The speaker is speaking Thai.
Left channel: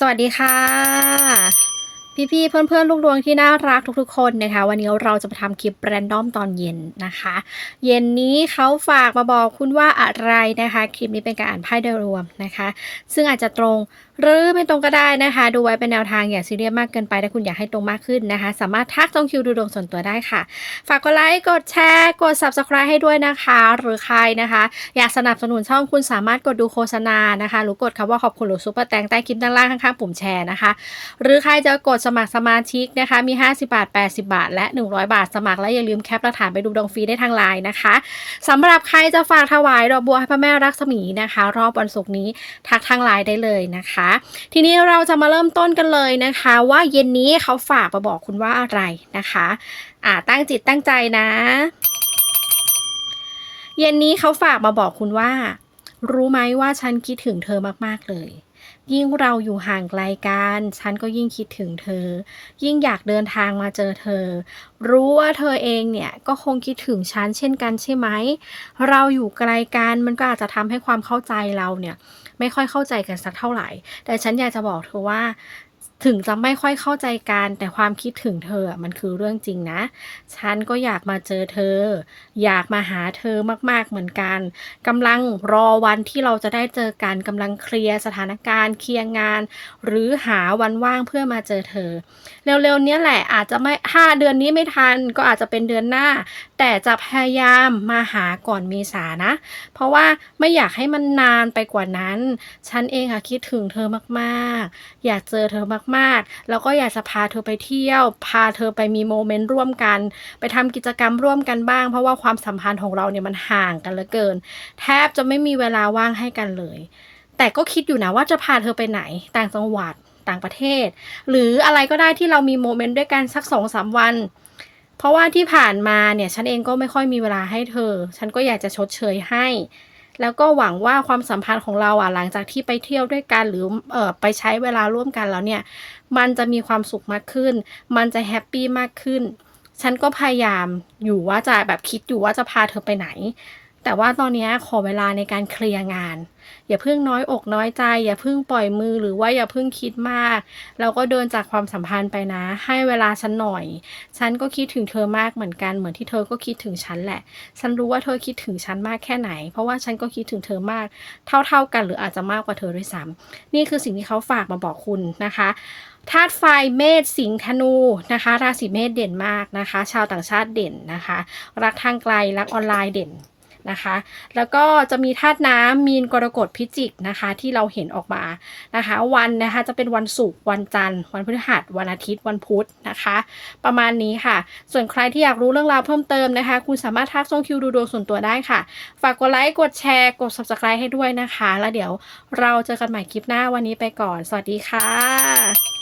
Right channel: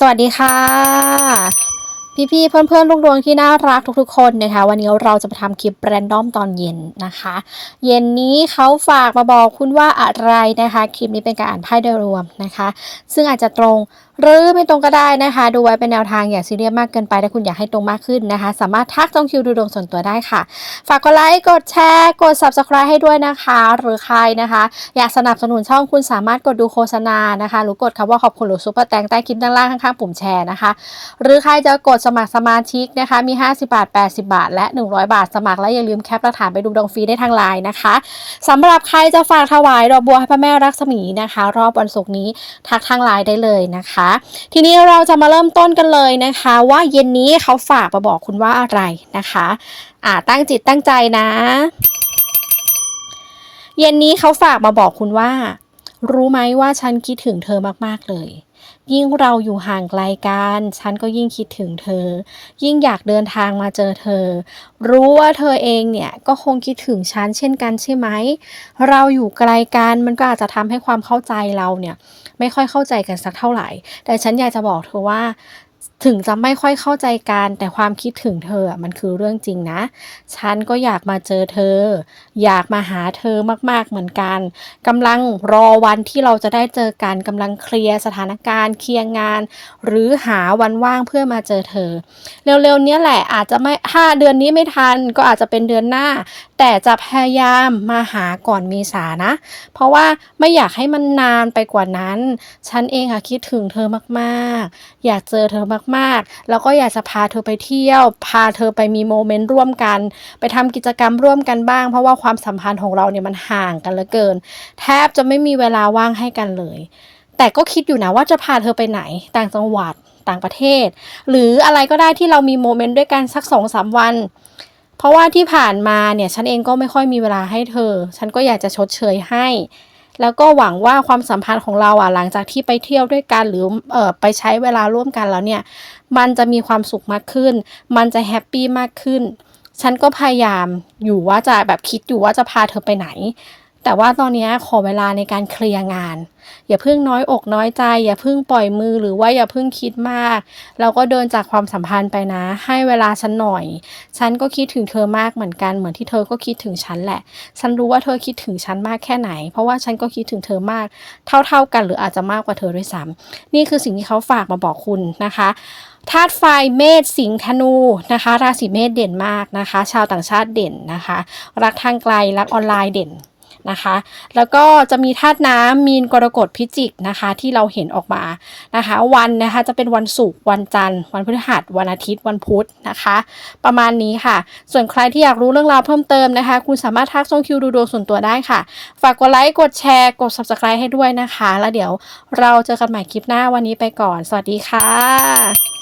สวัสดีค่ะ พี่ๆเพื่อนๆลูกดวงที่น่ารักทุกๆ คนนะคะ วันนี้เราจะมาทำคลิปแรนดอมตอนเย็นนะคะ เย็นนี้เขาฝากมาบอกคุณว่าอะไรนะคะ คลิปนี้เป็นการอ่านไพ่โดยรวมนะคะ ซึ่งอาจจะตรง หรือไม่ตรงก็ได้นะคะ ดูไว้เป็นแนวทางอย่าซีเรียสมากเกินไปถ้าคุณอยากให้ตรงมากขึ้นนะคะ สามารถทักจองคิวดูดวงส่วนตัวได้ค่ะ ฝากกดไลค์กดแชร์กด subscribe ให้ด้วยนะคะ หรือใครนะคะ อยากสนับสนุนช่องคุณสามารถกดดูโฆษณานะคะหรือกดคำว่าขอบคุณหรือซุปเปอร์แตงใต้คลิปด้านล่างข้างๆปุ่มแชร์นะคะ หรือใครจะกดสมัครสมาชิกนะคะมี 50 บาท 80 บาท และ 100 บาทสมัครและอย่าลืมแคปหลักฐานไปดูดวงฟรีได้ทางไลน์นะคะสำหรับใครจะฝากถวายดอกบัวให้พระแม่รักษมีนะคะ รอบวันศุกร์นี้ทักทางไลน์ได้เลยนะคะทีนี้เราจะมาเริ่มต้นกันเลยนะคะ ว่าเย็นนี้เขาฝากมาบอกคุณว่าอะไรนะคะ อ่าตั้งจิตตั้งใจนะ เย็นนี้เขาฝากมาบอกคุณว่า รู้ไหมว่าฉันคิดถึงเธอมากๆเลยยิ่งเราอยู่ห่างไกลกัน ฉันก็ยิ่งคิดถึงเธอ ยิ่งอยากเดินทางมาเจอเธอ รู้ว่าเธอเองเนี่ยก็คงคิดถึงฉันเช่นกันใช่ไหม เราอยู่ไกลกันมันก็อาจจะทำให้ความเข้าใจเราเนี่ย ไม่ค่อยเข้าใจกันสักเท่าไหร่ แต่ฉันอยากจะบอกเธอว่า ถึงจะไม่ค่อยเข้าใจกัน แต่ความคิดถึงเธออะมันคือเรื่องจริงนะ ฉันก็อยากมาเจอเธอ อยากมาหาเธอมากๆเหมือนกันกำลังรอวันที่เราจะได้เจอกันกำลังเคลียร์สถานการณ์ เคลียร์งาน หรือหาวันว่างเพื่อมาเจอเธอ เร็วๆเนี้ยแหละอาจจะไม่ถ้าเดือนนี้ไม่ทันก็อาจจะเป็นเดือนหน้า แต่จะพยายามมาหาก่อนเมษานะ เพราะว่าไม่อยากให้มันนานไปกว่านั้น ฉันเองอะคิดถึงเธอมากๆ อยากเจอเธอมากๆ แล้วก็อยากจะพาเธอไปเที่ยว พาเธอไปมีโมเมนต์ร่วมกัน ไปทำกิจกรรมร่วมกันบ้าง เพราะว่าความสัมพันธ์ของเราเนี่ยมันห่างกันเหลือเกิน แทบจะไม่มีเวลาว่างให้กันเลย แต่ก็คิดอยู่นะว่าจะพาเธอไปไหนต่างจังหวัดต่างประเทศ หรืออะไรก็ได้ที่เรามีโมเมนต์ด้วยกันสักสองสามวันเพราะว่าที่ผ่านมาเนี่ยฉันเองก็ไม่ค่อยมีเวลาให้เธอ ฉันก็อยากจะชดเชยให้ แล้วก็หวังว่าความสัมพันธ์ของเราอะหลังจากที่ไปเที่ยวด้วยกันหรือเอ่อไปใช้เวลาร่วมกันแล้วเนี่ยมันจะมีความสุขมากขึ้น มันจะแฮปปี้มากขึ้น ฉันก็พยายามอยู่ว่าจะแบบคิดอยู่ว่าจะพาเธอไปไหน แต่ว่าตอนนี้ขอเวลาในการเคลียร์งาน อย่าเพิ่งน้อยอกน้อยใจ อย่าเพิ่งปล่อยมือหรือว่าอย่าเพิ่งคิดมากแล้วก็เดินจากความสัมพันธ์ไปนะ ให้เวลาฉันหน่อย ฉันก็คิดถึงเธอมากเหมือนกันเหมือนที่เธอก็คิดถึงฉันแหละ ฉันรู้ว่าเธอคิดถึงฉันมากแค่ไหน เพราะว่าฉันก็คิดถึงเธอมาก เท่าๆกันหรืออาจจะมากกว่าเธอด้วยซ้ำนี่คือสิ่งที่เขาฝากมาบอกคุณนะคะธาตุไฟเมษสิงห์ธนูนะคะ ราศีเมษเด่นมากนะคะ ชาวต่างชาติเด่นนะคะ รักทางไกลรักออนไลน์เด่น นะคะ แล้วก็จะมีธาตุน้ำมีนกรกฎพิจิกนะคะที่เราเห็นออกมานะคะ วันนะคะจะเป็นวันศุกร์วันจันทร์ วันพฤหัสวันอาทิตย์วันพุธนะคะ ประมาณนี้ค่ะ ส่วนใครที่อยากรู้เรื่องราวเพิ่มเติมนะคะ คุณสามารถทักส่งคิวดูดวงส่วนตัวได้ค่ะ ฝากกดไลค์กดแชร์กด subscribe ให้ด้วยนะคะ แล้วเดี๋ยวเราเจอกันใหม่คลิปหน้าวันนี้ไปก่อน สวัสดีค่ะ